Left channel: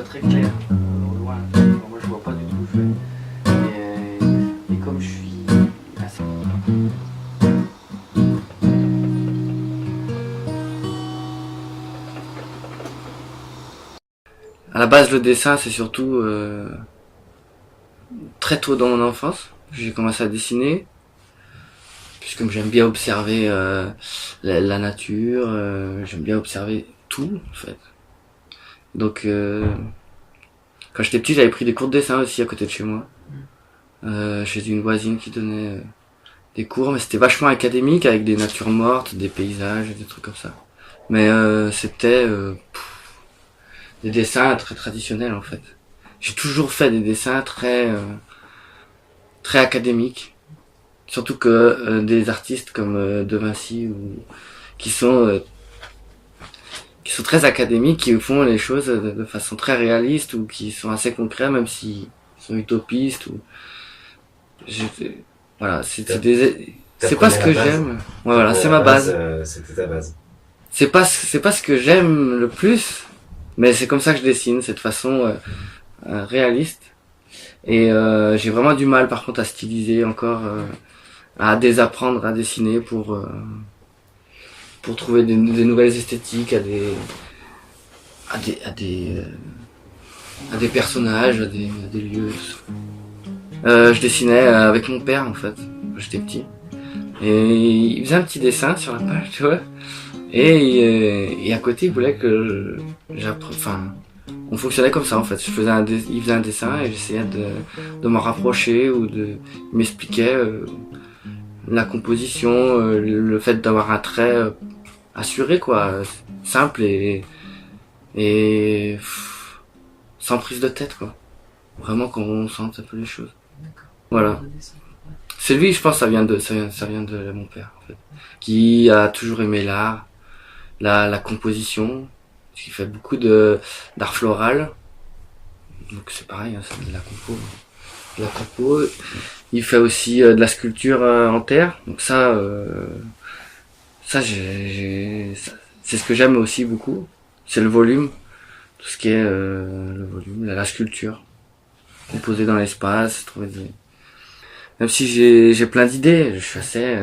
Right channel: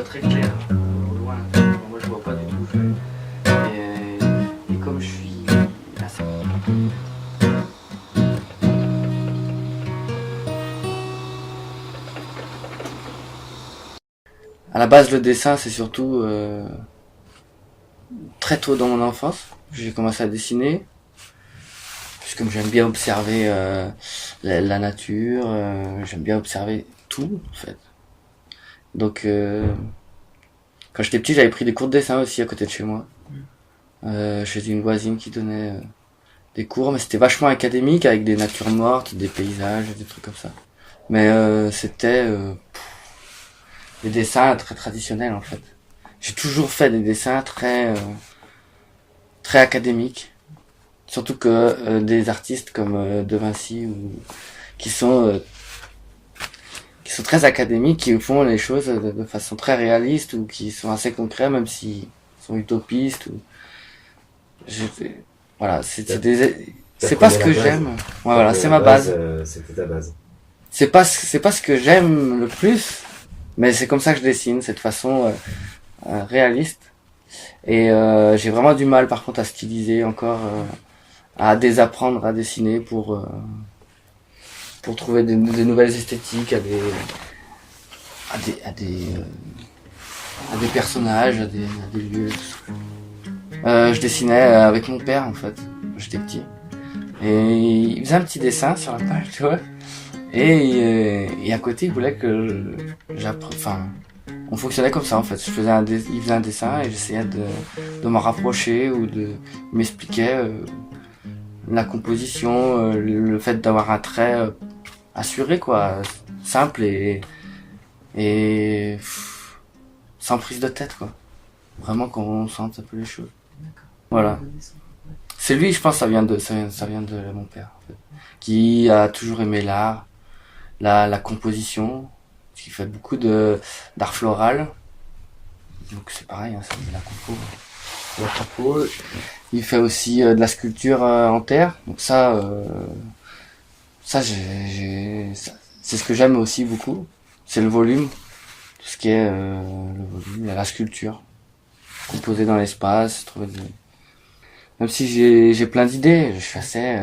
vois très clair au loin. Bon, moi je vois pas du tout. Et comme je suis assez... À la base, le dessin, c'est surtout très tôt dans mon enfance. J'ai commencé à dessiner. Puisque j'aime bien observer la nature, j'aime bien observer tout, en fait. Donc, quand j'étais petit, j'avais pris des cours de dessin aussi à côté de chez moi. Chez une voisine qui donnait des cours, mais c'était vachement académique, avec des natures mortes, des paysages, des trucs comme ça. Mais c'était des dessins très traditionnels, en fait. J'ai toujours fait des dessins très académiques. Surtout que des artistes comme De Vinci qui sont très académiques, qui font les choses de façon très réaliste ou qui sont assez concrets, même s'ils sont utopistes. Voilà, c'est pas ce que j'aime. Ouais, voilà, c'est ma base. C'était ta base. C'est pas ce que j'aime le plus, mais c'est comme ça que je dessine, cette façon réaliste. Et j'ai vraiment du mal, par contre, à styliser encore. À désapprendre à dessiner pour trouver des nouvelles esthétiques à des personnages, à des lieux. Je dessinais avec mon père, en fait, quand j'étais petit. Et il faisait un petit dessin sur la page, tu vois. Et à côté, il voulait que on fonctionnait comme ça, en fait. Il faisait un dessin et j'essayais de m'en rapprocher ou de m'expliquer la composition, le fait d'avoir un trait assuré, quoi, simple et sans prise de tête, quoi. Vraiment qu'on sente un peu les choses. Voilà. C'est lui, je pense, ça vient de mon père, en fait, qui a toujours aimé l'art, la composition, qui fait beaucoup d'art floral. Donc c'est pareil, hein, c'est de la compo. Il fait aussi de la sculpture en terre. Donc ça c'est ce que j'aime aussi beaucoup. C'est le volume. Tout ce qui est le volume, la sculpture. Composer dans l'espace, trouver des... Même si j'ai plein d'idées, je suis assez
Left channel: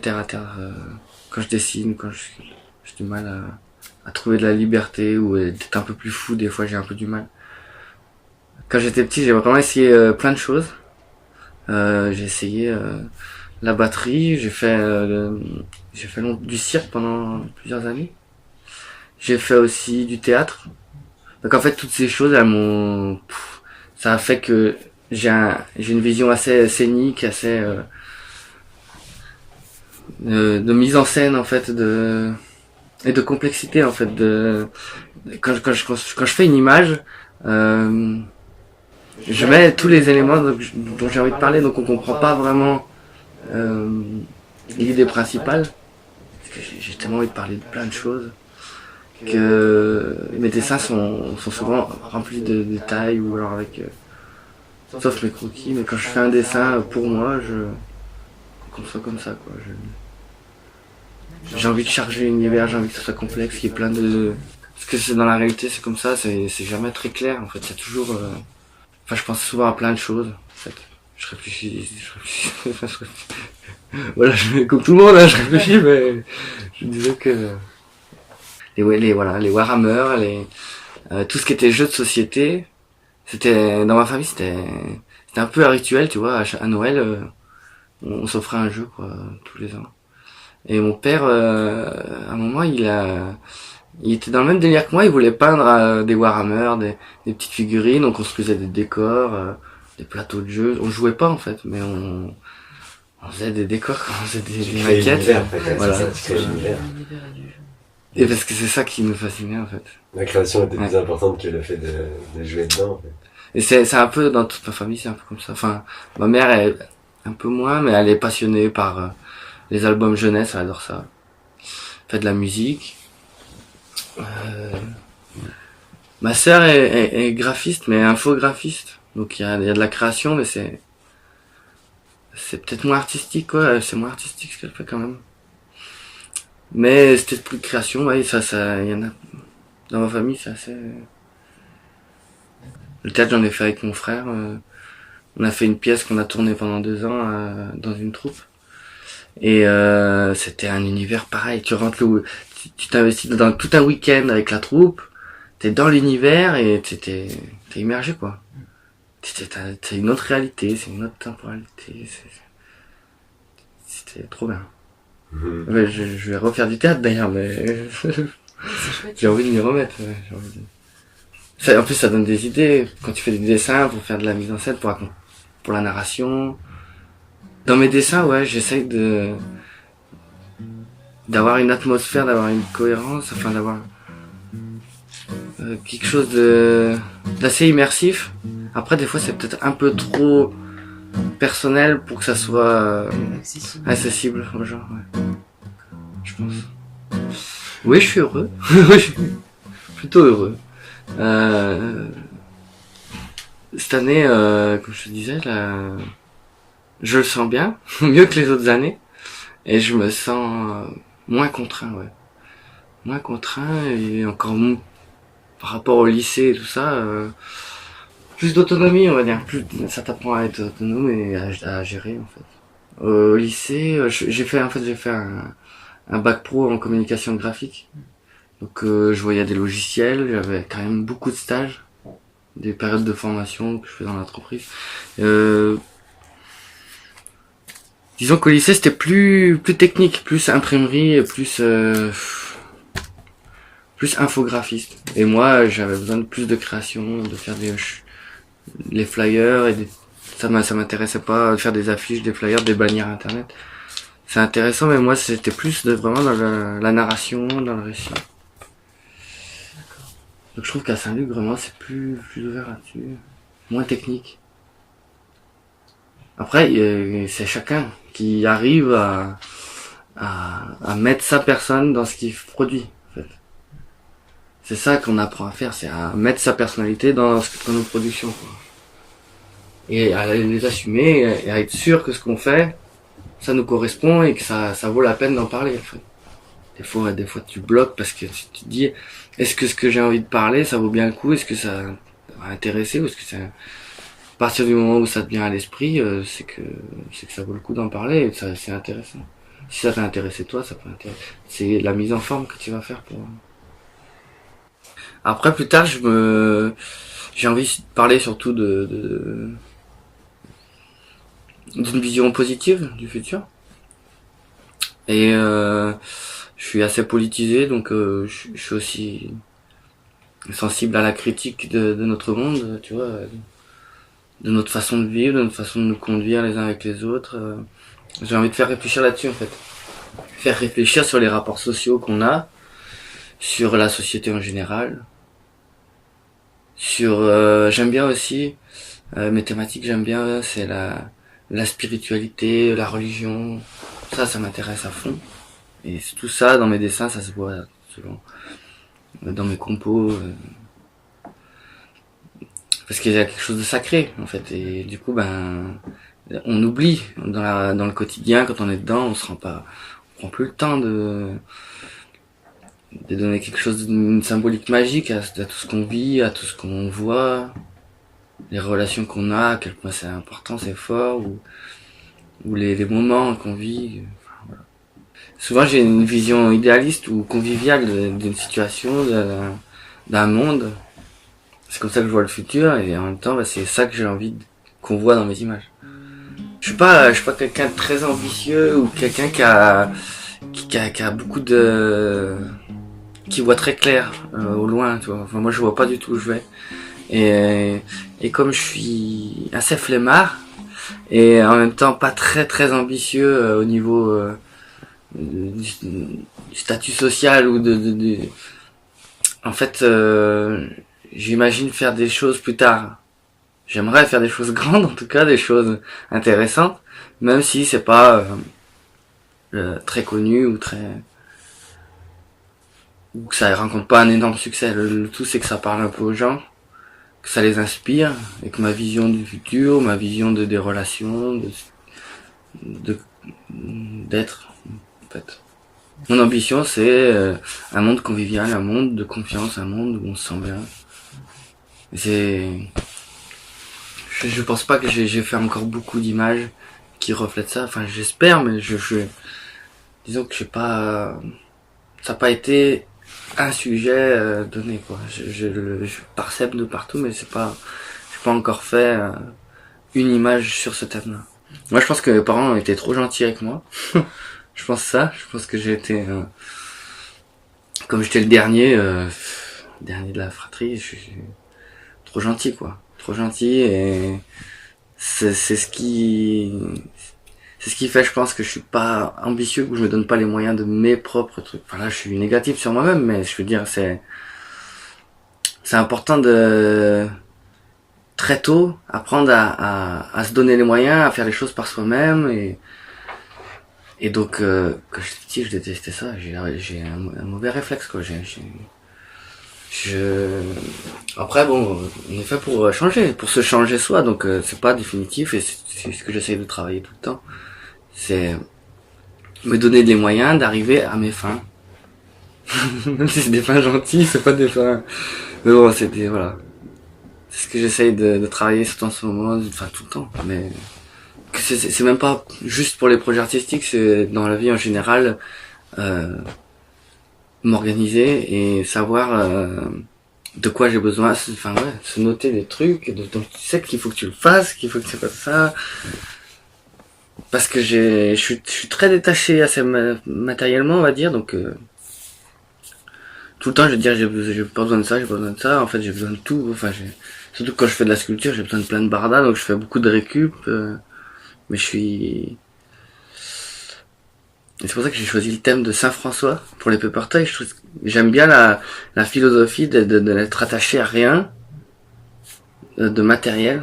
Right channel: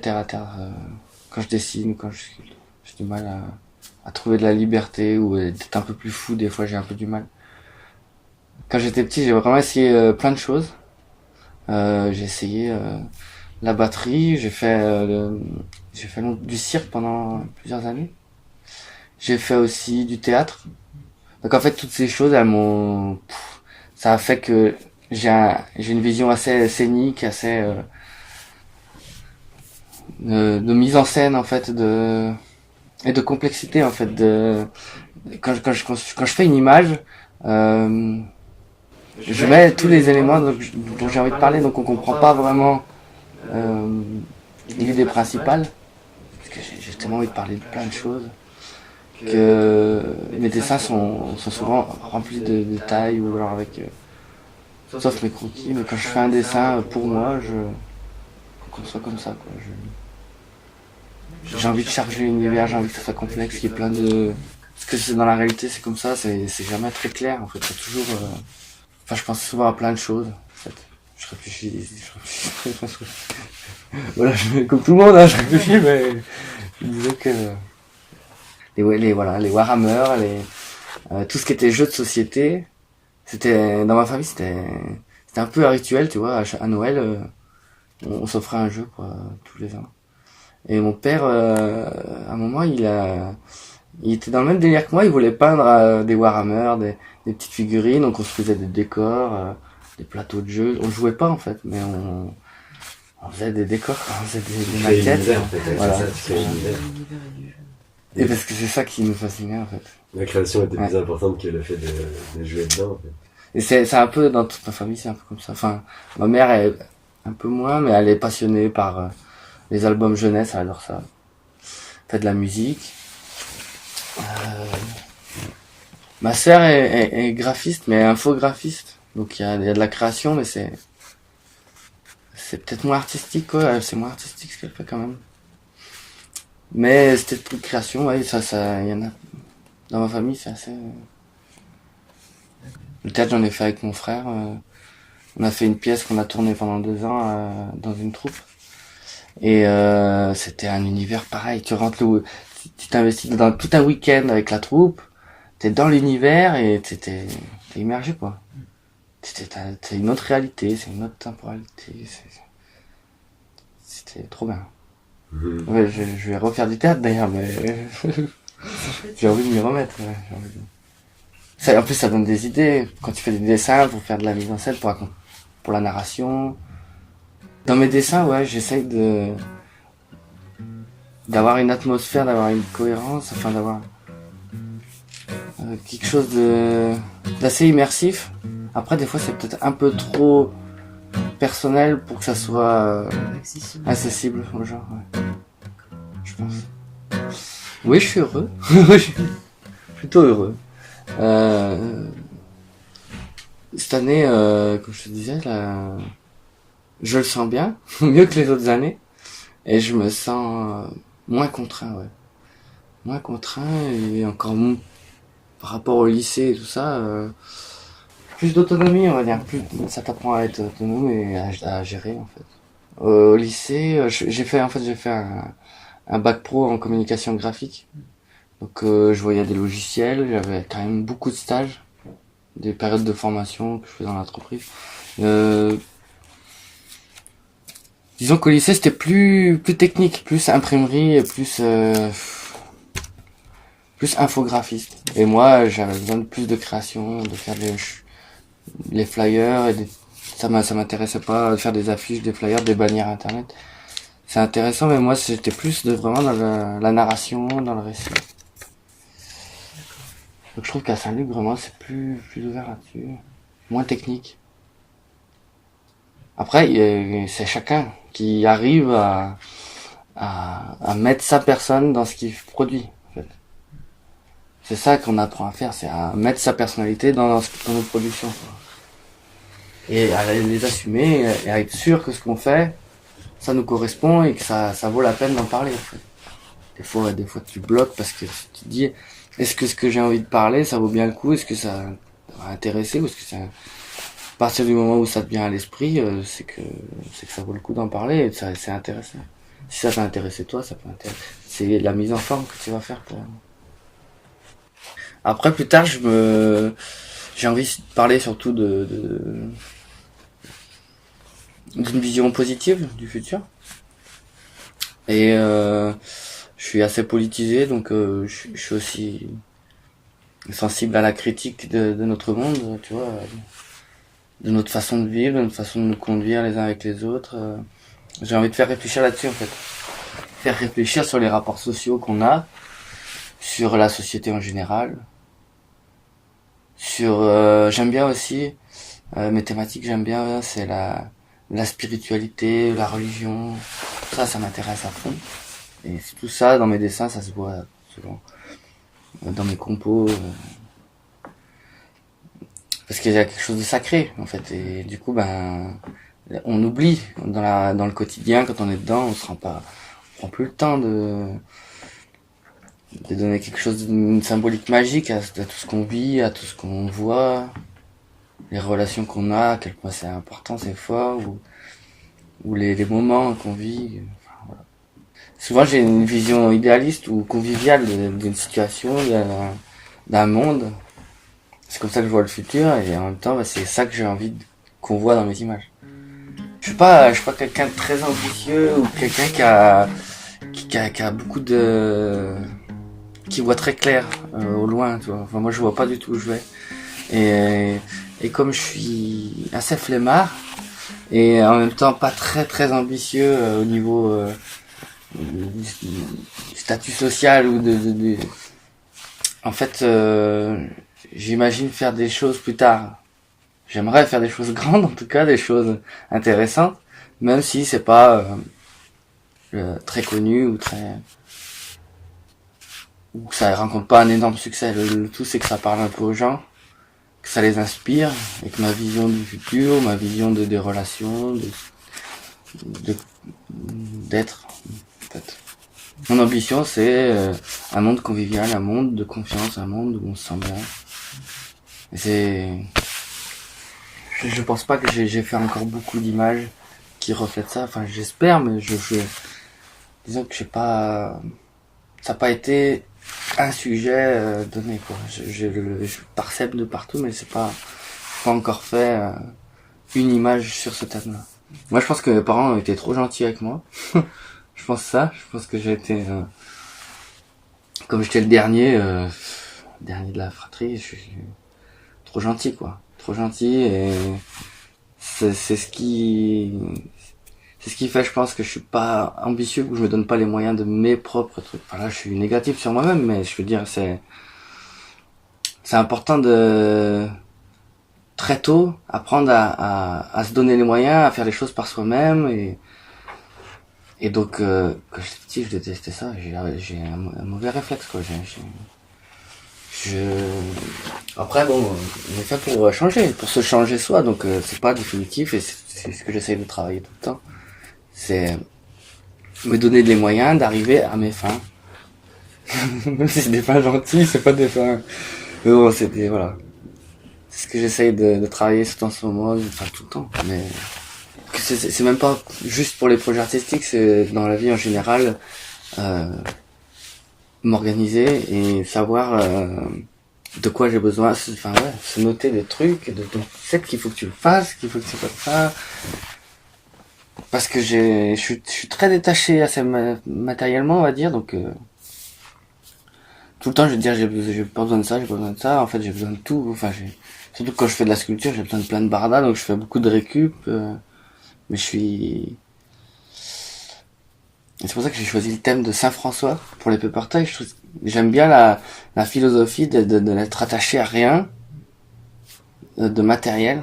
terre à terre quand je dessine, quand j'ai du mal à trouver de la liberté ou d'être un peu plus fou, des fois j'ai un peu du mal. Quand j'étais petit, j'ai vraiment essayé plein de choses. J'ai essayé la batterie, j'ai fait du cirque pendant plusieurs années. J'ai fait aussi du théâtre. Donc en fait, toutes ces choses, ça a fait que j'ai une vision assez scénique, assez de mise en scène, en fait, et de complexité, en fait. Quand je fais une image, je mets tous les éléments dont j'ai envie de parler, donc on comprend pas vraiment l'idée principale. Parce que j'ai tellement envie de parler de plein de choses que mes dessins sont souvent remplis de détails ou alors sauf mes croquis. Mais quand je fais un dessin pour moi, qu'on soit comme ça, quoi. J'ai envie de charger l'univers, j'ai envie que ce soit complexe, qu'il y ait plein de... Parce que dans la réalité, c'est comme ça, c'est jamais très clair, en fait. C'est toujours... je pense souvent à plein de choses, en fait. Je réfléchis. Voilà, comme tout le monde, hein, je réfléchis, mais je me disais que les Warhammer, tout ce qui était jeux de société, c'était dans ma famille, c'était un peu un rituel, tu vois. À Noël, on s'offrait un jeu, quoi, tous les ans. Et mon père, à un moment, il était dans le même délire que moi. Il voulait peindre des Warhammer, des petites figurines, donc on se faisait des décors, des plateaux de jeux. On jouait pas, en fait, mais on faisait des décors, quoi. On faisait des maquettes. Voilà. Et parce que c'est ça qui nous fascinait, en fait. La création était plus importante que le fait de jouer dedans, en fait. Et c'est un peu, dans toute ma famille, c'est un peu comme ça. Enfin, ma mère est un peu moins, mais elle est passionnée par les albums jeunesse, elle adore ça. Elle fait de la musique. Ma sœur est graphiste, mais infographiste. Donc il y a de la création, mais c'est peut-être moins artistique, quoi. C'est moins artistique ce qu'elle fait quand même. Mais c'était plus de création, ouais, il y en Dans ma famille, c'est assez... Le théâtre, j'en ai fait avec mon frère. On a fait une pièce qu'on a tournée pendant 2 ans dans une troupe. Et c'était un univers pareil. Tu rentres tu t'investis dans tout un week-end avec la troupe. T'es dans l'univers et t'es immergé, quoi. T'as une autre réalité, c'est une autre temporalité. C'était trop bien. Ouais, je vais refaire du théâtre d'ailleurs, mais j'ai envie de m'y remettre. Ouais, en plus, ça donne des idées. Quand tu fais des dessins pour faire de la mise en scène, pour la narration. Dans mes dessins, ouais, j'essaye d'avoir une atmosphère, d'avoir une cohérence, enfin d'avoir quelque chose d'assez immersif. Après, des fois, c'est peut-être un peu trop personnel pour que ça soit accessible aux gens, ouais. Je pense. Oui, je suis heureux. Je suis plutôt heureux. Cette année, comme je te disais, je le sens bien, mieux que les autres années, et je me sens moins contraint, ouais. Moins contraint et encore par rapport au lycée et tout ça, plus d'autonomie, on va dire. Ça t'apprend à être autonome et à gérer, en fait. Au lycée, j'ai fait un bac pro en communication graphique. Donc, je voyais des logiciels, j'avais quand même beaucoup de stages, des périodes de formation que je faisais dans l'entreprise. Disons qu'au lycée, c'était plus technique, plus imprimerie, et plus infographiste. Et moi, j'avais besoin de plus de création, de faire les flyers et ça m'intéressait pas de faire des affiches, des flyers, des bannières internet. C'est intéressant, mais moi, c'était plus vraiment dans la narration, dans le récit. Donc je trouve qu'à Saint-Luc, vraiment, c'est plus ouvert là-dessus, moins technique. Après, c'est chacun qui arrive à mettre sa personne dans ce qu'il produit, en fait. C'est ça qu'on apprend à faire, c'est à mettre sa personnalité dans nos productions, quoi. Et à les assumer, et à être sûr que ce qu'on fait, ça nous correspond et que ça vaut la peine d'en parler, en fait. Des fois tu bloques parce que tu te dis, est-ce que ce que j'ai envie de parler, ça vaut bien le coup, est-ce que ça va intéresser, ou est-ce que à partir du moment où ça te vient à l'esprit, c'est que ça vaut le coup d'en parler et que c'est intéressant. Si ça t'a intéressé toi, ça peut intéresser. C'est la mise en forme que tu vas faire pour... Après, plus tard, j'ai envie de parler surtout d'une vision positive du futur. Et je suis assez politisé, donc je suis aussi sensible à la critique de notre monde, tu vois, de notre façon de vivre, de notre façon de nous conduire les uns avec les autres. J'ai envie de faire réfléchir là-dessus, en fait. Faire réfléchir sur les rapports sociaux qu'on a, sur la société en général, j'aime bien aussi, mes thématiques j'aime bien, c'est la spiritualité, la religion, ça m'intéresse à fond. Et tout ça, dans mes dessins, ça se voit souvent. Dans mes compos, parce qu'il y a quelque chose de sacré, en fait. Et du coup, on oublie dans le quotidien, quand on est dedans, on prend plus le temps de donner quelque chose d'une symbolique magique à tout ce qu'on vit, à tout ce qu'on voit, les relations qu'on a, à quel point c'est important, c'est fort, ou les moments qu'on vit. Enfin, voilà. Souvent j'ai une vision idéaliste ou conviviale d'une situation, d'un monde. C'est comme ça que je vois le futur, et en même temps, c'est ça que j'ai envie qu'on voit dans mes images. Je suis pas quelqu'un de très ambitieux ou quelqu'un qui a beaucoup qui voit très clair au loin, tu vois. Enfin, moi je vois pas du tout où je vais. Et comme je suis assez flemmard et en même temps pas très très ambitieux au niveau du statut social ou en fait j'imagine faire des choses plus tard. J'aimerais faire des choses grandes, en tout cas des choses intéressantes, même si c'est pas très connu ou que ça rencontre pas un énorme succès. Le tout c'est que ça parle un peu aux gens, que ça les inspire, et que ma vision du futur, ma vision des relations, d'être, en fait. Mon ambition, c'est un monde convivial, un monde de confiance, un monde où on se sent bien. Et je pense pas que j'ai fait encore beaucoup d'images qui reflètent ça. Enfin, j'espère, mais disons que ça n'a pas été un sujet donné, quoi. Je parsème de partout, mais c'est pas encore fait une image sur ce thème-là. Moi, je pense que mes parents ont été trop gentils avec moi. Je pense que j'ai été, comme j'étais le dernier de la fratrie, je suis trop gentil, quoi. Trop gentil, et c'est ce qui fait, je pense, que je suis pas ambitieux, que je me donne pas les moyens de mes propres trucs. Enfin là, je suis négatif sur moi-même, mais je veux dire, c'est important de très tôt apprendre à se donner les moyens, à faire les choses par soi-même, et donc quand j'étais petit, je détestais ça. J'ai un mauvais réflexe, quoi. Après, bon, on est fait pour changer, pour se changer soi, donc c'est pas définitif, et c'est ce que j'essaye de travailler tout le temps. C'est me donner les moyens d'arriver à mes fins. Même si c'est des fins gentilles, c'est pas des fins... Mais bon, voilà. C'est ce que j'essaye de travailler surtout en ce moment, enfin tout le temps. Mais c'est même pas juste pour les projets artistiques, c'est dans la vie en général, m'organiser et savoir de quoi j'ai besoin. Enfin ouais, se noter des trucs, donc tu sais qu'il faut que tu le fasses, qu'il faut que tu fasses ça. Parce que je suis très détaché assez matériellement, on va dire, donc tout le temps je vais dire j'ai pas besoin de ça, j'ai pas besoin de ça. En fait, j'ai besoin de tout. Enfin, surtout quand je fais de la sculpture, j'ai besoin de plein de bardas, donc je fais beaucoup de récup. Mais et c'est pour ça que j'ai choisi le thème de Saint-François pour les paper tailles. J'aime bien la philosophie d'être attaché à rien de matériel,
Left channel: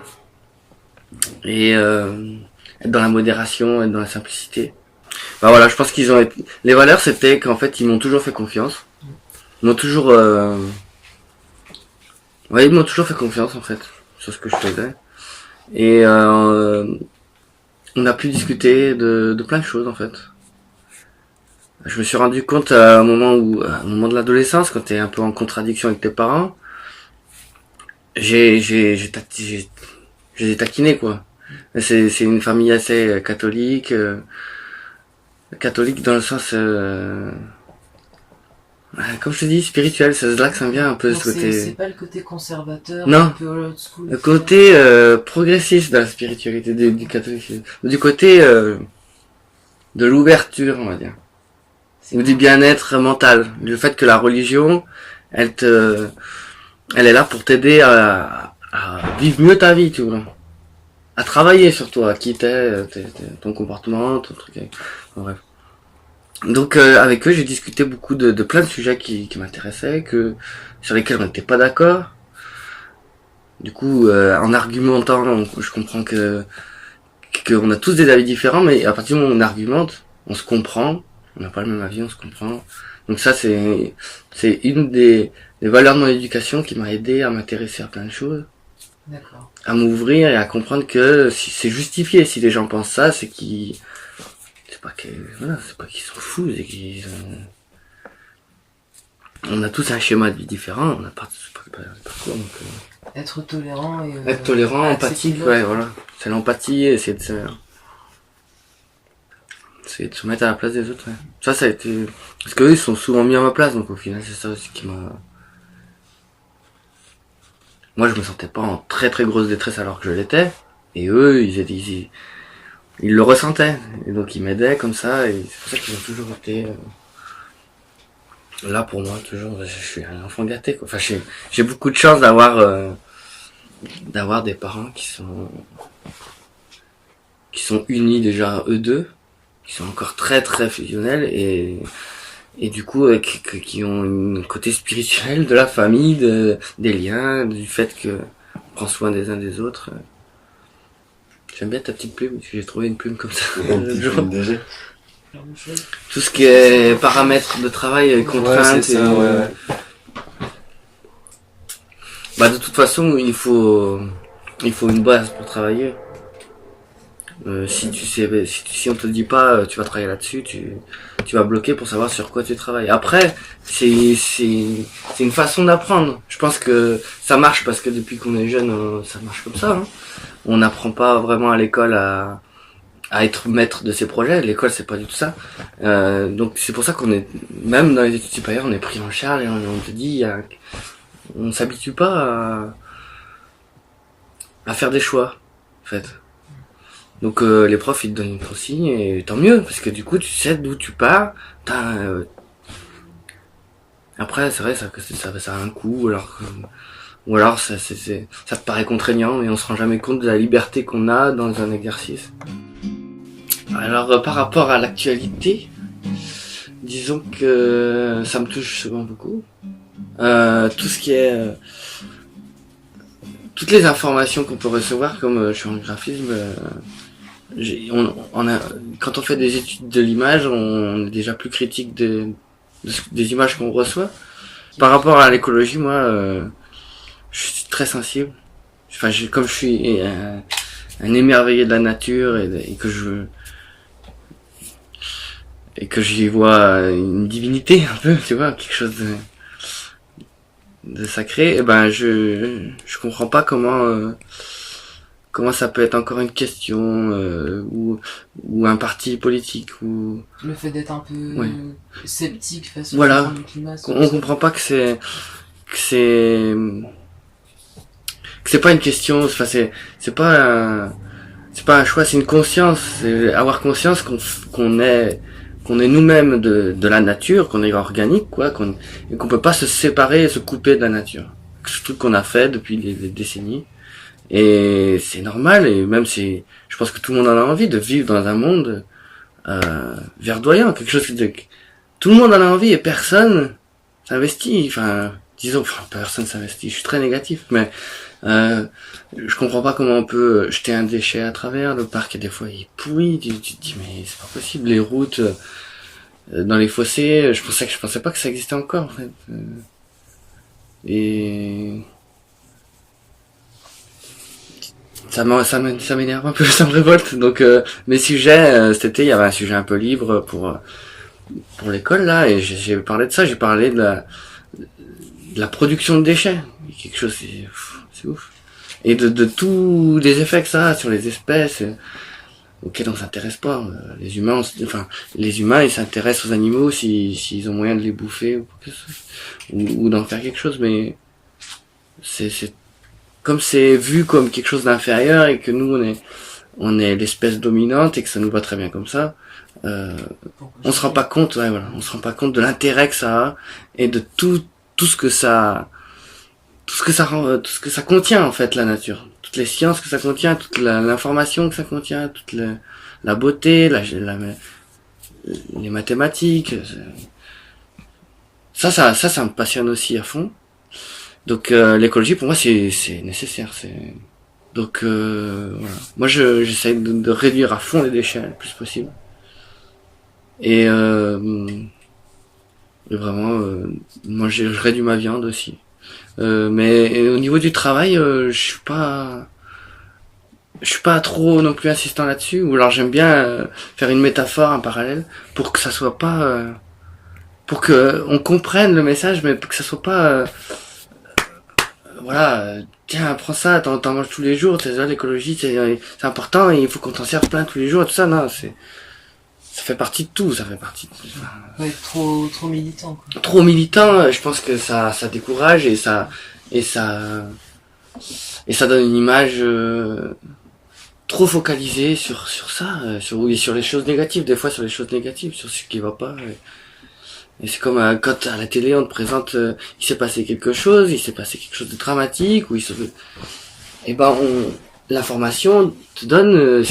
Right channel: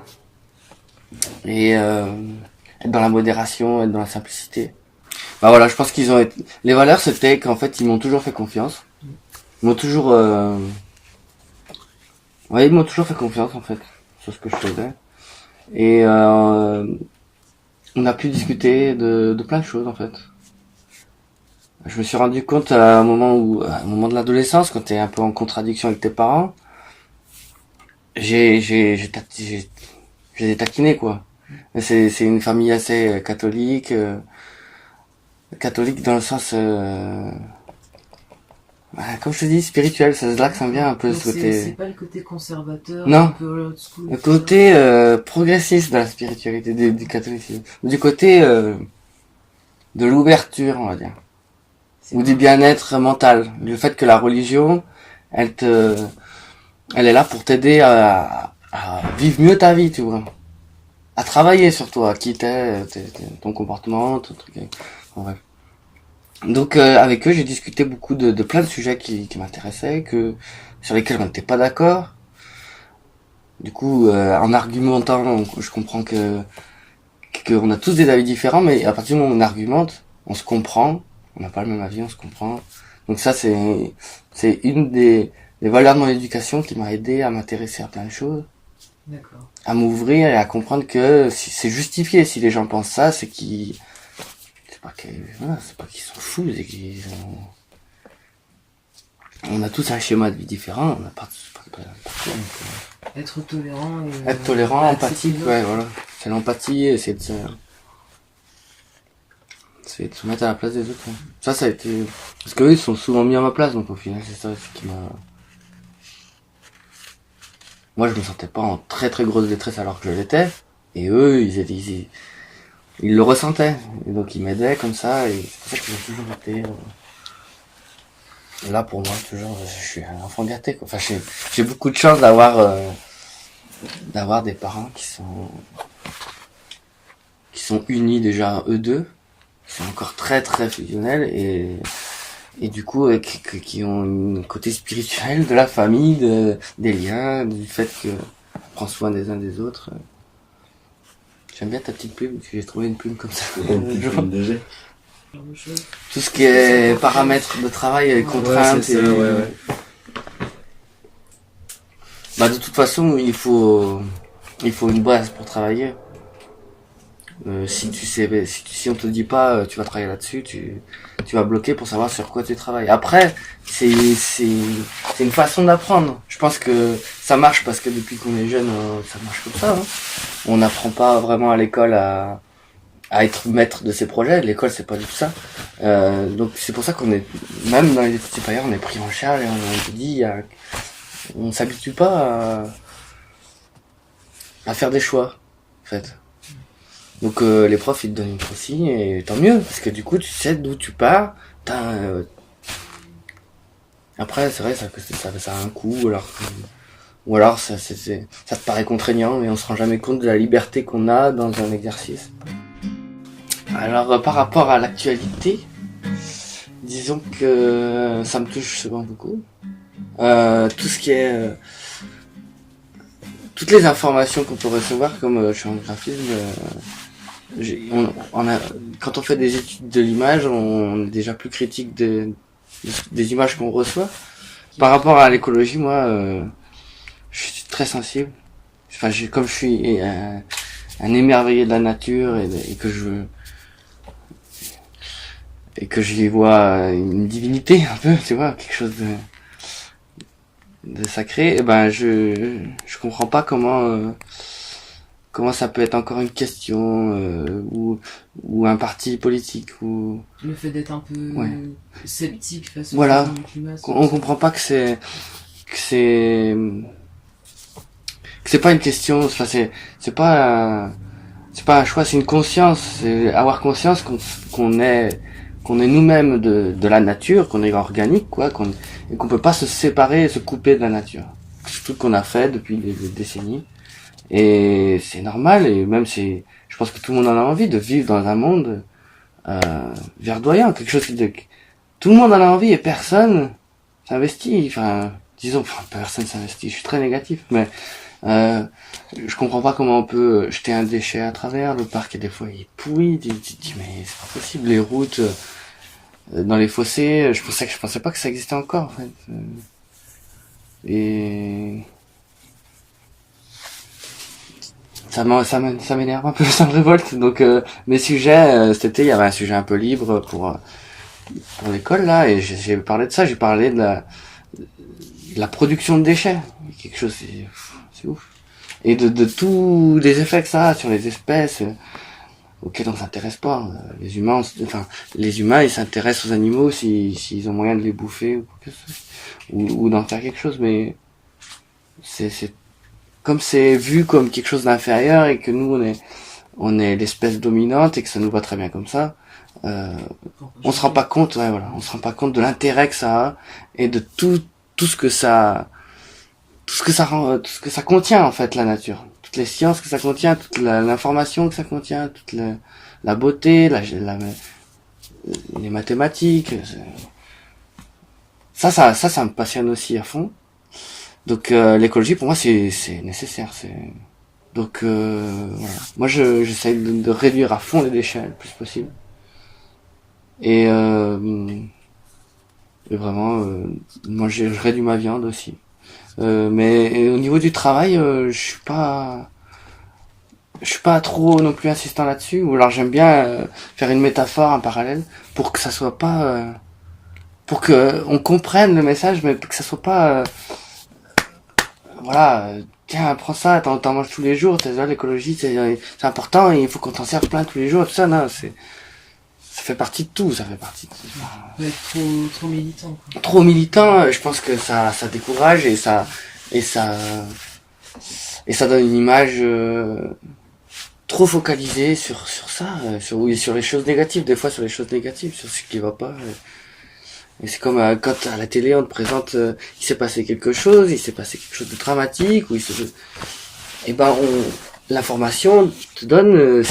et être dans la modération, être dans la simplicité. Bah voilà, je pense qu'ils ont été... Les valeurs, c'était qu'en fait, ils m'ont toujours fait confiance. Ils m'ont toujours... Ouais, ils m'ont toujours fait confiance, en fait, sur ce que je faisais. Et on a pu discuter de plein de choses, en fait. Je me suis rendu compte à un moment de l'adolescence, quand t'es un peu en contradiction avec tes parents, je les ai taquinés, quoi. C'est une famille assez catholique dans le sens comme je te dis, spirituel. C'est là que ça me vient un peu. Donc ce côté, c'est pas le côté conservateur, non, un peu old school, le côté progressiste de la spiritualité du catholicisme, du côté de l'ouverture, on va dire, ou du bien-être mental. Le fait que la religion, elle est là pour t'aider à vivre mieux ta vie, tu vois, à travailler sur toi, à quitter ton comportement, ton truc. En bref. Donc avec eux, j'ai discuté beaucoup de plein de sujets qui m'intéressaient, sur lesquels on n'était pas d'accord. Du coup, en argumentant, je comprends qu'on a tous des avis différents, mais à partir du moment où on argumente, on se comprend. On n'a pas le même avis, on se comprend. Donc ça, c'est une des valeurs de mon éducation qui m'a aidé à m'intéresser à plein de choses. D'accord. À m'ouvrir et à comprendre que si c'est justifié. Si les gens pensent ça, c'est qu'ils... C'est pas qu'ils sont fous, c'est qu'ils... On a tous un schéma de vie différent, on n'a pas être tolérant et... Être tolérant, empathique, ouais, voilà. C'est l'empathie et c'est de se mettre à la place des autres, ouais. Ça a été... Parce qu'eux, ils sont souvent mis à ma place, donc au final, c'est ça aussi qui m'a... Moi, je me sentais pas en très très grosse détresse alors que je l'étais. Et eux, ils le ressentaient. Et donc, ils m'aidaient comme ça, et c'est pour ça qu'ils ont toujours été... Là, pour moi, toujours, je suis un enfant gâté, quoi. Enfin, j'ai beaucoup de chance d'avoir des parents qui sont unis déjà, eux deux, qui sont encore très très fusionnels, et du coup, qui ont un côté spirituel de la famille, des liens, du fait que on prend soin des uns des autres. J'aime bien ta petite plume, parce que j'ai trouvé une plume comme ça. Tout ce qui est paramètres de travail, contraintes, ouais, ouais. Bah, de toute façon, il faut une base pour travailler. Si on te dit pas, tu vas travailler là-dessus, tu vas bloquer pour savoir sur quoi tu travailles. Après, c'est une façon d'apprendre. Je pense que ça marche parce que depuis qu'on est jeune, ça marche comme ça. Hein. On n'apprend pas vraiment à l'école à être maître de ses projets. L'école, c'est pas du tout ça. Donc c'est pour ça qu'on est, même dans les études supérieures, on est pris en charge et on te dit, on s'habitue pas à faire des choix, en fait. Donc les profs ils te donnent une consigne et tant mieux parce que du coup tu sais d'où tu pars. Après c'est vrai que ça a un coût ou alors ça te paraît contraignant et on se rend jamais compte de la liberté qu'on a dans un exercice. Alors par rapport à l'actualité, disons que ça me touche souvent beaucoup. Tout ce qui est toutes les informations qu'on peut recevoir, comme je suis en graphisme. Quand on fait des études de l'image, on est déjà plus critique des images qu'on reçoit. Par rapport à l'écologie, moi, je suis très sensible. Enfin, comme je suis un émerveillé de la nature et que j'y vois une divinité un peu, tu vois, quelque chose de sacré. Et ben, je comprends pas comment ça peut être encore une question ou un parti politique ou le fait d'être un peu sceptique face au changement du climat. On comprend pas que c'est pas une question, enfin c'est pas un choix, c'est une conscience, c'est avoir conscience qu'on est nous-mêmes de la nature, qu'on est organique quoi, et qu'on peut pas se séparer et se couper de la nature. C'est tout ce qu'on a fait depuis des décennies. Et c'est normal, et même je pense que tout le monde en a envie de vivre dans un monde verdoyant, quelque chose tout le monde en a envie et personne s'investit. Enfin, disons, personne s'investit. Je suis très négatif, mais je comprends pas comment on peut jeter un déchet à travers le parc. Et des fois, il est pourri. Tu te dis, mais c'est pas possible. Les routes dans les fossés, je pensais pas que ça existait encore. En fait. Et ça m'énerve un peu, ça me révolte. Donc mes sujets, cet été il y avait un sujet un peu libre pour l'école là, et j'ai parlé de ça, j'ai parlé de la production de déchets, quelque chose, c'est ouf, et de tous les effets que ça a sur les espèces auxquelles on s'intéresse pas. Les humains ils s'intéressent aux animaux s'ils ont moyen de les bouffer ou d'en faire quelque chose, mais c'est comme c'est vu comme quelque chose d'inférieur et que nous on est l'espèce dominante et que ça nous va très bien comme ça, on se rend pas compte, on se rend pas compte de l'intérêt que ça a et de tout ce que ça contient en fait, la nature, toutes les sciences que ça contient, toute l'information que ça contient, toute la beauté, les mathématiques, ça me passionne aussi à fond. Donc l'écologie pour moi c'est nécessaire, donc voilà. Moi j'essaie de réduire à fond les déchets le plus possible et vraiment moi je réduis ma viande aussi, mais au niveau du travail je suis pas trop non plus insistant là-dessus, ou alors j'aime bien faire une métaphore, un parallèle pour que ça soit pas pour que on comprenne le message, mais que ça soit pas voilà, tiens, prends ça, t'en manges tous les jours, l'écologie, c'est important, et il faut qu'on t'en serve plein tous les jours, et tout ça, non, ça fait partie de tout, Ouais, trop militant, quoi. Trop militant, je pense que ça décourage, et ça donne une image, trop focalisée sur ça, sur les choses négatives, des fois sur les choses négatives, sur ce qui va pas, et c'est comme quand à la télé on te présente il s'est passé quelque chose de dramatique, et ben l'information te donne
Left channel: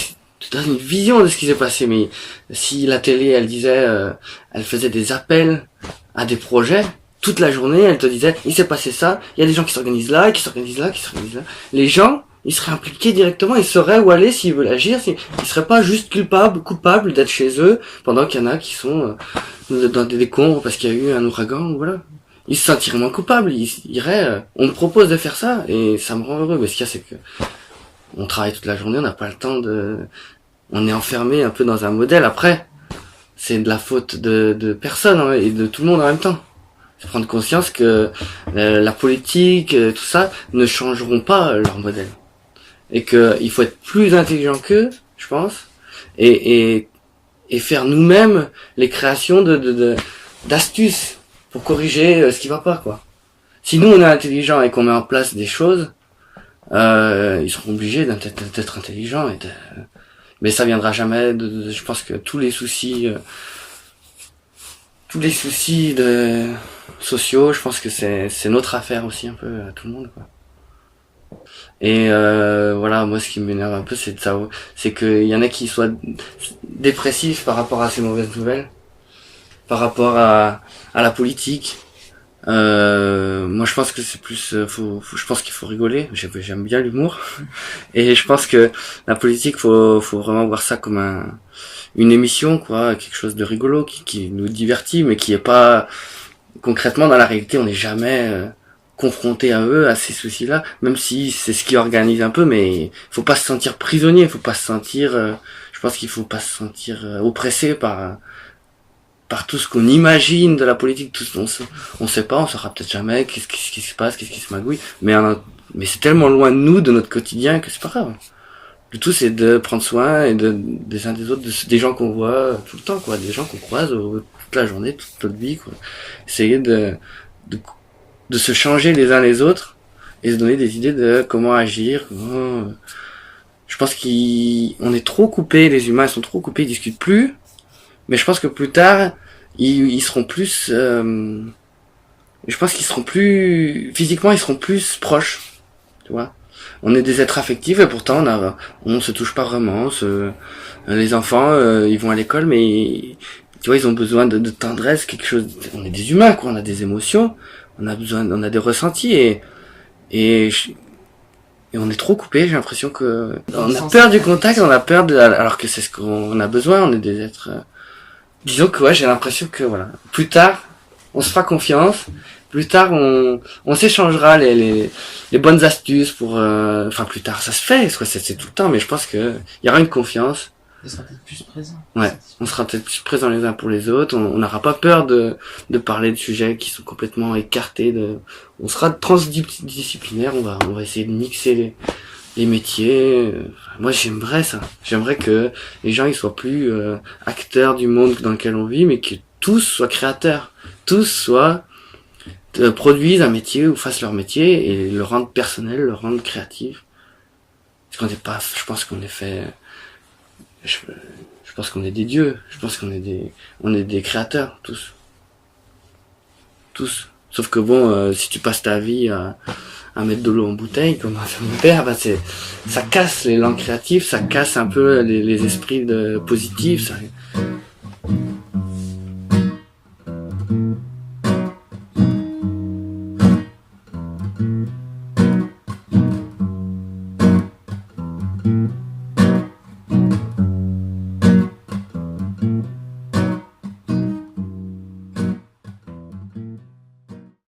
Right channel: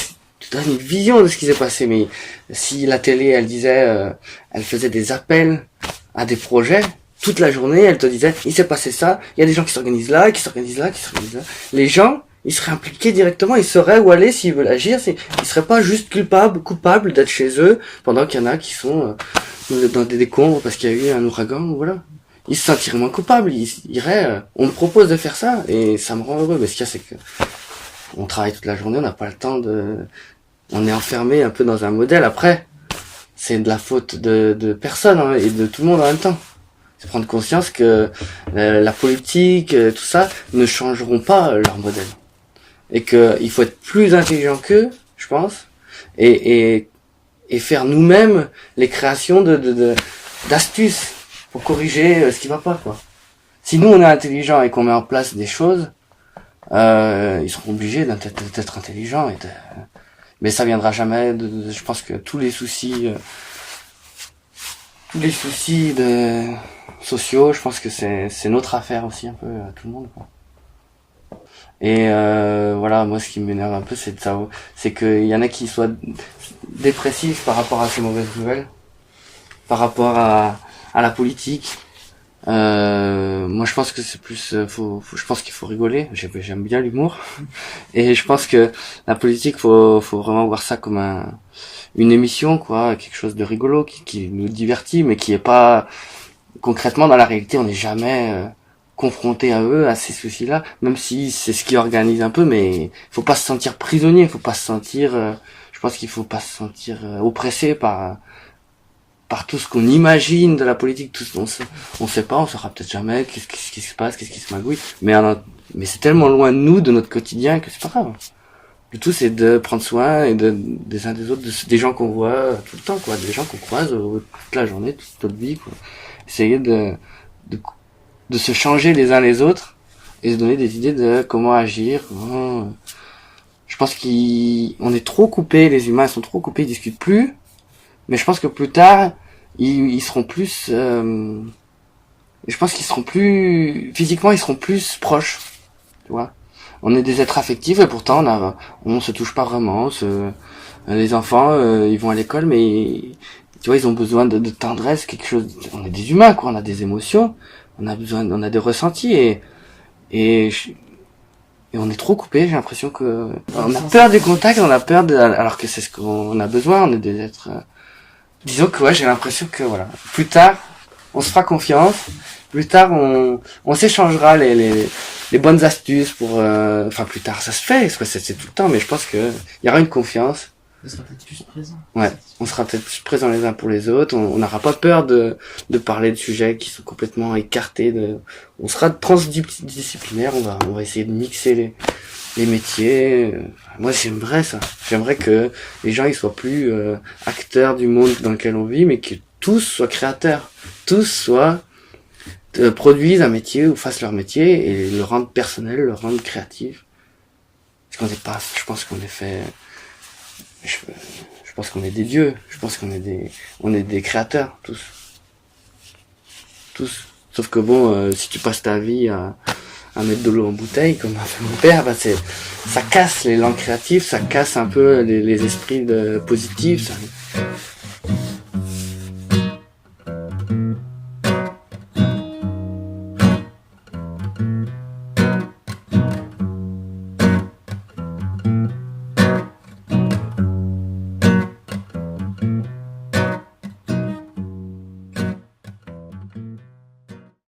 une vision de ce qui s'est passé. Mais si la télé elle disait elle faisait des appels à des projets toute la journée, elle te disait il s'est passé ça, il y a des gens qui s'organisent là, les gens ils seraient impliqués directement, ils sauraient où aller s'ils veulent agir, ils seraient pas juste coupables d'être chez eux pendant qu'il y en a qui sont dans des décombres parce qu'il y a eu un ouragan, voilà. Ils se sentiraient moins coupables, ils iraient, on me propose de faire ça, et ça me rend heureux, mais ce qu'il y a, c'est que on travaille toute la journée, on n'a pas le temps on est enfermé un peu dans un modèle. Après, c'est de la faute de personne hein, et de tout le monde en même temps. C'est prendre conscience que la politique, tout ça, ne changeront pas leur modèle. Et que il faut être plus intelligent qu'eux, je pense, et faire nous-mêmes les créations d'astuces pour corriger ce qui va pas, quoi. Si nous on est intelligent et qu'on met en place des choses, ils seront obligés d'être intelligents mais ça viendra jamais je pense que tous les soucis sociaux, je pense que c'est notre affaire aussi un peu à tout le monde, quoi. Et voilà, moi ce qui m'énerve un peu c'est qu'il y en a qui soient dépressifs par rapport à ces mauvaises nouvelles, par rapport à la politique. Moi je pense que c'est plus je pense qu'il faut rigoler. J'aime bien l'humour et je pense que la politique faut vraiment voir ça comme une émission, quoi, quelque chose de rigolo qui nous divertit, mais qui est pas concrètement dans la réalité. On n'est jamais confronté à eux, à ces soucis-là, même si c'est ce qui organise un peu, mais faut pas se sentir prisonnier, faut pas se sentir je pense qu'il faut pas se sentir oppressé par tout ce qu'on imagine de la politique, tout ce on sait pas, on saura peut-être jamais qu'est-ce qui se passe, qu'est-ce qui se magouille, mais c'est tellement loin de nous, de notre quotidien, que c'est pas grave. Le tout c'est de prendre soin et des uns des autres, des gens qu'on voit tout le temps, quoi, des gens qu'on croise toute la journée, toute notre vie, quoi. Essayer de se changer les uns les autres et se donner des idées de comment agir. Je pense qu'on est trop coupés, les humains sont trop coupés, ils discutent plus. Mais je pense que plus tard, ils seront plus, je pense qu'ils seront plus, physiquement, ils seront plus proches, tu vois. On est des êtres affectifs et pourtant on se touche pas vraiment. Les enfants, ils vont à l'école, mais tu vois, ils ont besoin de tendresse, quelque chose. On est des humains, quoi. On a des émotions, on a des ressentis et on est trop coupés. J'ai l'impression que on a peur du contact, on a peur alors que c'est ce qu'on a besoin. On est des êtres. Disons que ouais, j'ai l'impression que voilà, plus tard, on se fera confiance, plus tard on s'échangera les bonnes astuces pour enfin plus tard ça se fait, c'est tout le temps, mais je pense que il y aura une confiance. On sera peut-être plus présent. Ouais, on sera peut-être plus présents les uns pour les autres, on n'aura pas peur de parler de sujets qui sont complètement écartés on sera transdisciplinaire, on va essayer de mixer les métiers. Moi j'aimerais ça. J'aimerais que les gens ils soient plus acteurs du monde dans lequel on vit, mais que tous soient créateurs, tous produisent un métier ou fassent leur métier et le rendent personnel, le rendent créatif. Je pense qu'on est fait. Je pense qu'on est des dieux. Je pense qu'on est des créateurs tous. Sauf que bon, si tu passes ta vie à mettre de l'eau en bouteille, comme a fait mon père, ça casse l'élan créatif, ça casse un peu les esprits positifs,